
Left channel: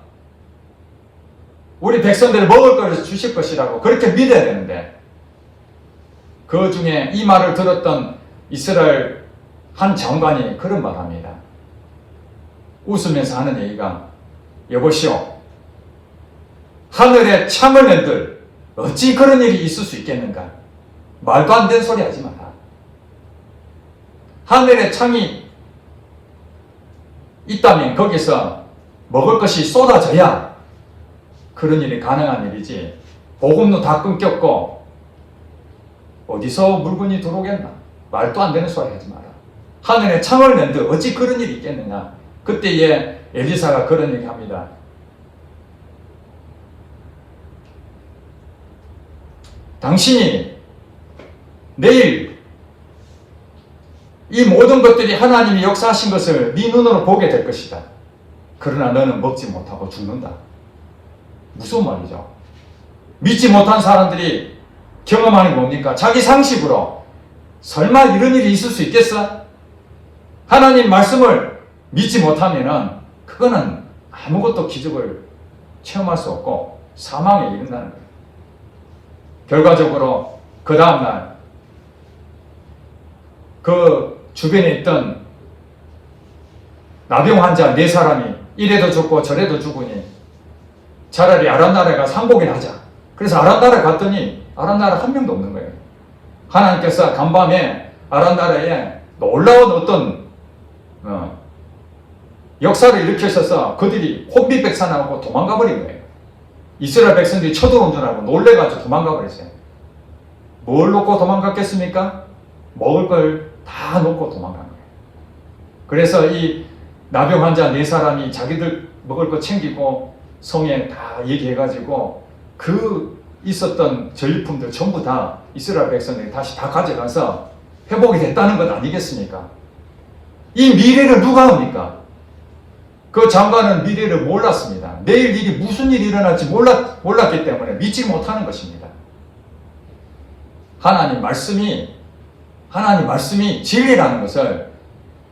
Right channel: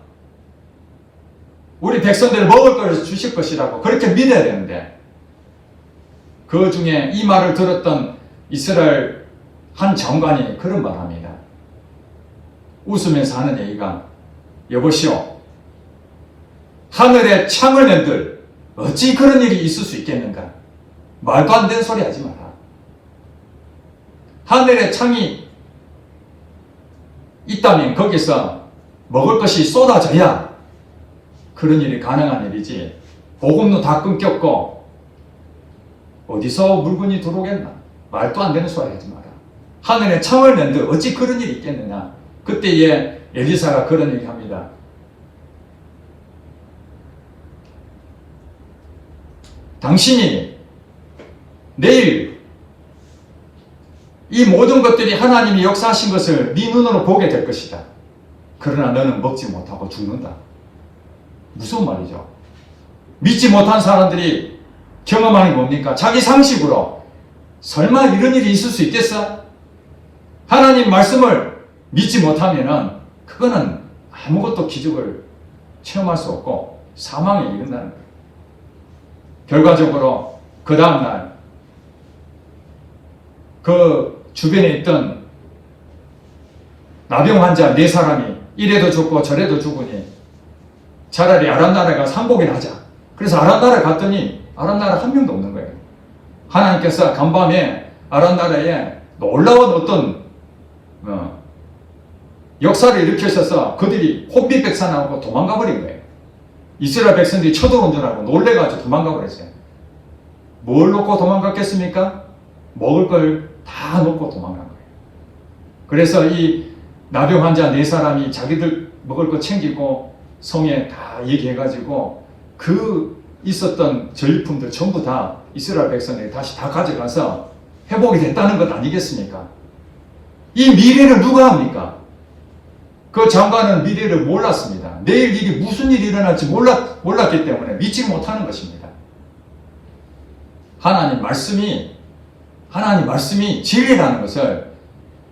우리 백성들을 먹을 것을 주실 것이라고 그렇게 믿어야 되는데 그 중에 이 말을 들었던 이스라엘 한 장관이 그런 말합니다. 웃으면서 하는 얘기가 여보시오, 하늘에 창을 낸들 어찌 그런 일이 있을 수 있겠는가? 말도 안 되는 소리 하지 마라. 하늘에 창이 있다면 거기서 먹을 것이 쏟아져야 그런 일이 가능한 일이지, 복음도 다 끊겼고 어디서 물건이 들어오겠나? 말도 안 되는 소리 하지 마라. 하늘에 창을 낸들 어찌 그런 일이 있겠느냐? 그때에 엘리사가 그런 얘기 합니다. 당신이 내일 이 모든 것들이 하나님이 역사하신 것을 네 눈으로 보게 될 것이다. 그러나 너는 먹지 못하고 죽는다. 무슨 말이죠? 믿지 못한 사람들이 경험하는 게 뭡니까? 자기 상식으로 설마 이런 일이 있을 수 있겠어? 하나님 말씀을 믿지 못하면은 그거는 아무것도 기적을 체험할 수 없고 사망에 이른다는 거예요. 결과적으로 그 다음날 그 주변에 있던 나병 환자 4사람이 이래도 죽고 저래도 죽으니 차라리 아람 나라에 가서 항복이나 하자. 그래서 아람 나라에 갔더니 아람 나라 한 명도 없는 거예요. 하나님께서 간밤에 아람 나라에 놀라운 어떤 역사를 일으키셔서 그들이 혼비백산하고 도망가 버린 거예요. 이스라엘 백성들이 쳐들어온 줄 알고 놀래가지고 도망가 버렸어요. 뭘 놓고 도망갔겠습니까? 먹을 걸 다 놓고 도망간 거예요. 그래서 이 나병 환자 4사람이 자기들 먹을 거 챙기고 성에 다 얘기해가지고 그 있었던 전리품들 전부 다 이스라엘 백성들이 다시 다 가져가서 회복이 됐다는 것 아니겠습니까? 이 미래를 누가 합니까? 그 장관은 미래를 몰랐습니다. 내일 일이 무슨 일이 일어날지 몰랐기 때문에 믿지 못하는 것입니다. 하나님 말씀이 진리라는 것을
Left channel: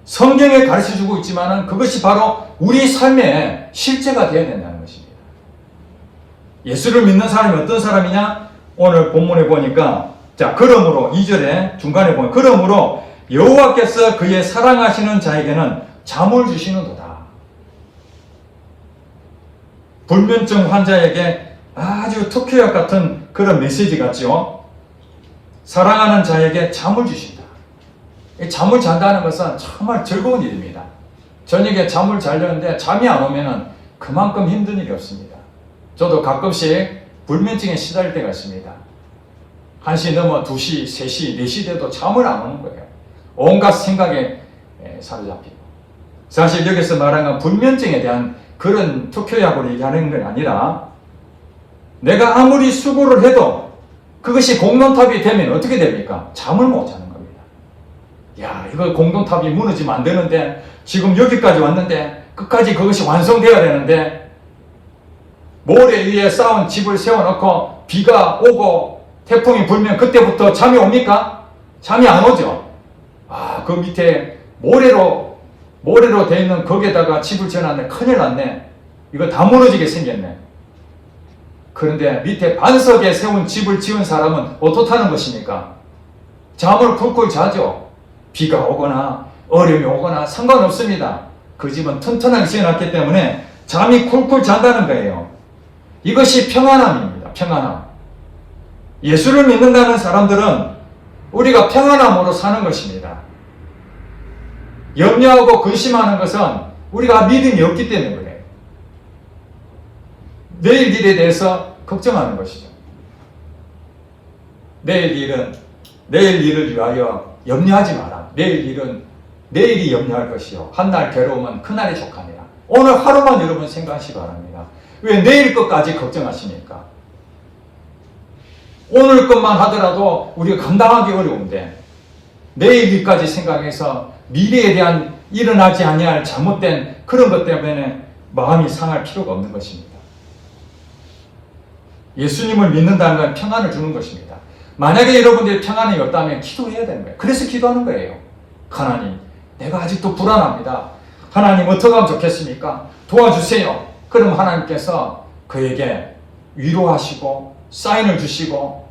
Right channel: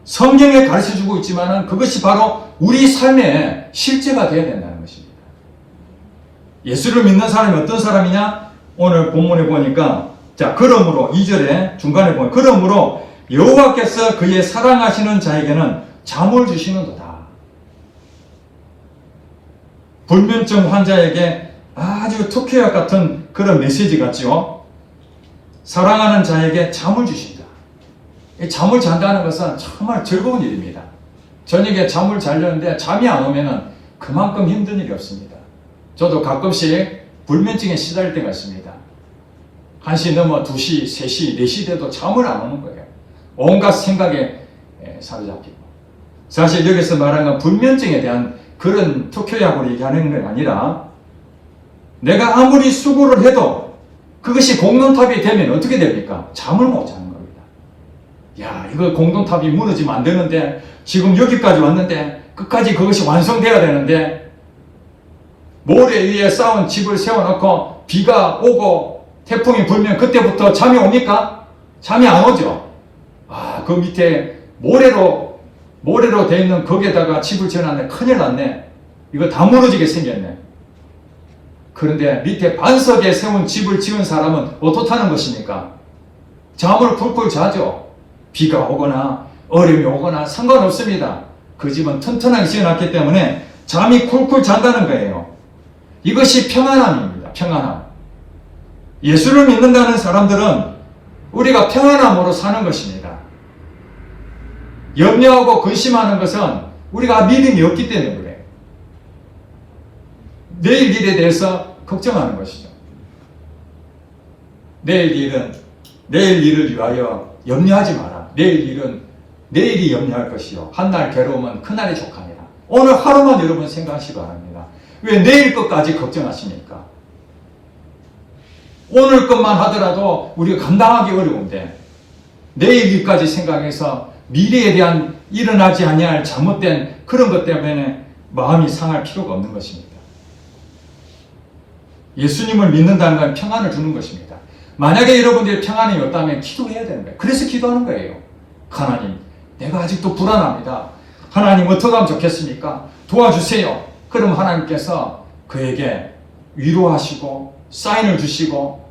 성경에 가르쳐주고 있지만은 그것이 바로 우리 삶의 실제가 되어야 된다는 것입니다. 예수를 믿는 사람이 어떤 사람이냐? 오늘 본문에 보니까 자, 그러므로 2절에 중간에 보면 그러므로 여호와께서 그의 사랑하시는 자에게는 잠을 주시는도다. 불면증 환자에게 아주 특효약 같은 그런 메시지 같죠. 사랑하는 자에게 잠을 주신다. 잠을 잔다는 것은 정말 즐거운 일입니다. 저녁에 잠을 자려는데 잠이 안 오면은 그만큼 힘든 일이 없습니다. 저도 가끔씩 불면증에 시달릴 때가 있습니다. 1시 넘어 2시, 3시, 4시 돼도 잠을 안 오는 거예요. 온갖 생각에 사로잡히고. 사실 여기서 말하는 건 불면증에 대한 그런 특효약으로 얘기하는 게 아니라 내가 아무리 수고를 해도 그것이 공동탑이 되면 어떻게 됩니까? 잠을 못 자는 겁니다. 야, 이거 공동탑이 무너지면 안 되는데 지금 여기까지 왔는데 끝까지 그것이 완성되어야 되는데 모래 위에 쌓은 집을 세워놓고 비가 오고 태풍이 불면 그때부터 잠이 옵니까? 잠이 안 오죠. 아, 그 밑에 모래로 되어 있는 거기에다가 집을 지어놨네. 큰일 났네. 이거 다 무너지게 생겼네. 그런데 밑에 반석에 세운 집을 지은 사람은 어떻다는 것입니까? 잠을 쿨쿨 자죠. 비가 오거나 어려움이 오거나 상관없습니다. 그 집은 튼튼하게 지어놨기 때문에 잠이 쿨쿨 잔다는 거예요. 이것이 평안함입니다. 평안함. 예수를 믿는다는 사람들은 우리가 평안함으로 사는 것입니다. 염려하고 근심하는 것은 우리가 믿음이 없기 때문에 그래요. 내일 일에 대해서 걱정하는 것이죠. 내일 일을 위하여 염려하지 마라. 내일 일은 내일이 염려할 것이요. 한 날 괴로움은 그날이 족하니라. 오늘 하루만 여러분 생각하시기 바랍니다. 왜 내일 것까지 걱정하십니까? 오늘 것만 하더라도 우리가 감당하기 어려운데 내일 일까지 생각해서 미래에 대한 일어나지 아니할 잘못된 그런 것 때문에 마음이 상할 필요가 없는 것입니다. 예수님을 믿는다는 건 평안을 주는 것입니다. 만약에 여러분들이 평안이 없다면 기도해야 되는 거예요. 그래서 기도하는 거예요. 하나님, 내가 아직도 불안합니다. 하나님 어떻게 하면 좋겠습니까? 도와주세요. 그럼 하나님께서 그에게 위로하시고 사인을 주시고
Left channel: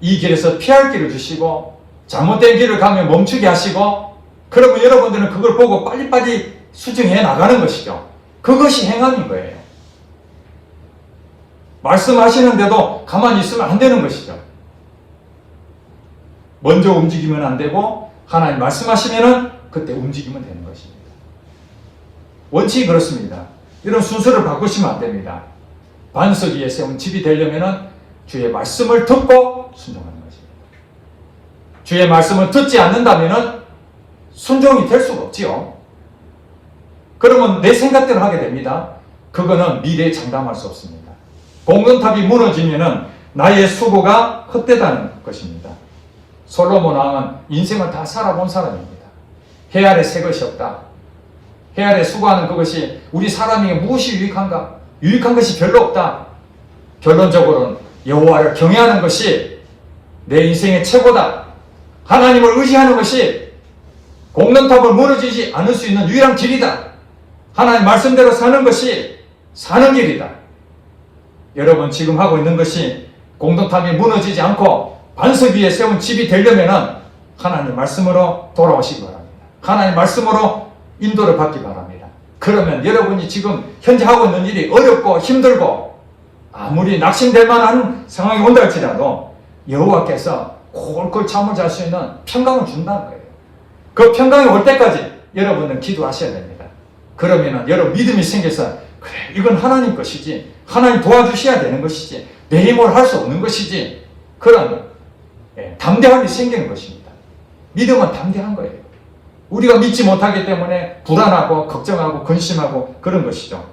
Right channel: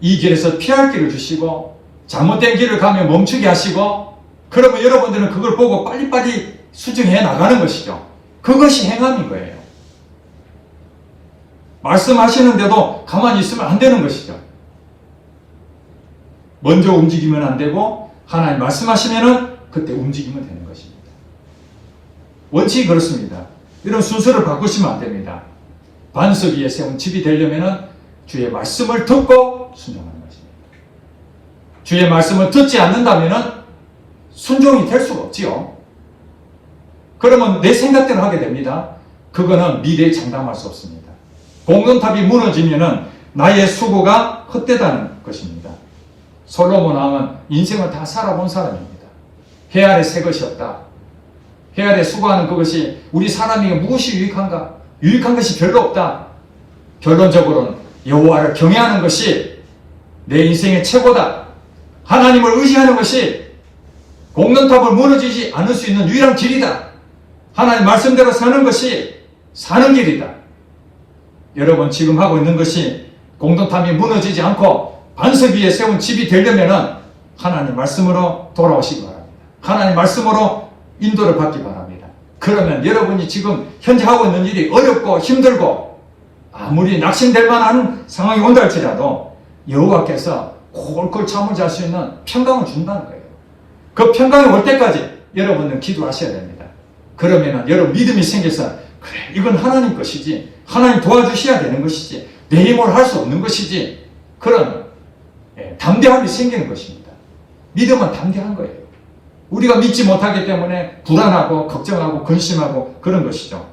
이 길에서 피할 길을 주시고 잘못된 길을 가면 멈추게 하시고 그러면 여러분들은 그걸 보고 빨리빨리 수정해 나가는 것이죠. 그것이 행함인 거예요. 말씀하시는데도 가만히 있으면 안 되는 것이죠. 먼저 움직이면 안 되고 하나님 말씀하시면은 그때 움직이면 되는 것입니다. 원칙이 그렇습니다. 여러분 순서를 바꾸시면 안 됩니다. 반석 위에 세운 집이 되려면은 주의 말씀을 듣고 순종하는 것입니다. 주의 말씀을 듣지 않는다면은 순종이 될 수가 없지요. 그러면 내 생각대로 하게 됩니다. 그거는 미래에 장담할 수 없습니다. 공동탑이 무너지면은 나의 수고가 헛되다는 것입니다. 솔로몬 왕은 인생을 다 살아본 사람입니다. 해 아래 새 것이 없다. 해 아래 수고하는 그것이 우리 사람에게 무엇이 유익한가? 유익한 것이 별로 없다. 결론적으로는 여호와를 경외하는 것이 내 인생의 최고다. 하나님을 의지하는 것이 공동탑을 무너지지 않을 수 있는 유일한 길이다. 하나님 말씀대로 사는 것이 사는 길이다. 여러분 지금 하고 있는 것이 공동탑이 무너지지 않고 반석 위에 세운 집이 되려면 하나님 말씀으로 돌아오시기 바랍니다. 하나님 말씀으로 인도를 받기 바랍니다. 그러면 여러분이 지금 현재 하고 있는 일이 어렵고 힘들고 아무리 낙심될 만한 상황이 온다 할지라도 여호와께서 콜콜 잠을 잘 수 있는 평강을 준다는 거예요. 그 평강이 올 때까지 여러분은 기도하셔야 됩니다. 그러면 여러분 믿음이 생겨서 그래 이건 하나님 것이지 하나님 도와주셔야 되는 것이지 내 힘으로 할 수 없는 것이지 그런 담대함이 생기는 것입니다. 믿음은 담대한 거예요. 우리가 믿지 못하기 때문에 불안하고 걱정하고 근심하고 그런 것이죠.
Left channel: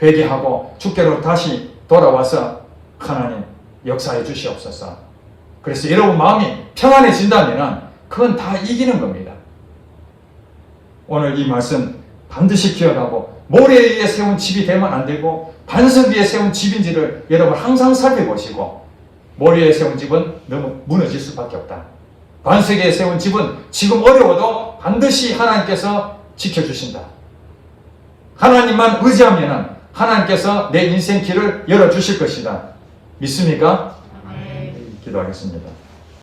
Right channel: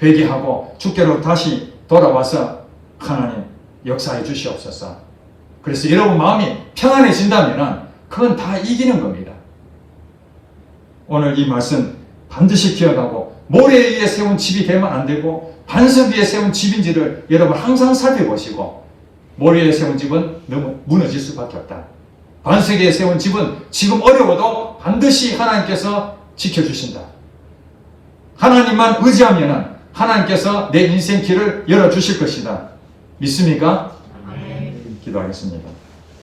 회개하고 주께로 다시 돌아와서 하나님 역사해 주시옵소서. 그래서 여러분 마음이 평안해진다면 그건 다 이기는 겁니다. 오늘 이 말씀 반드시 기억하고 모래 위에 세운 집이 되면 안 되고 반석 위에 세운 집인지를 여러분 항상 살펴보시고 모래 위에 세운 집은 너무 무너질 수밖에 없다. 반석 위에 세운 집은 지금 어려워도 반드시 하나님께서 지켜주신다. 하나님만 의지하면 하나님께서 내 인생 길을 열어주실 것이다. 믿습니까? 기도하겠습니다.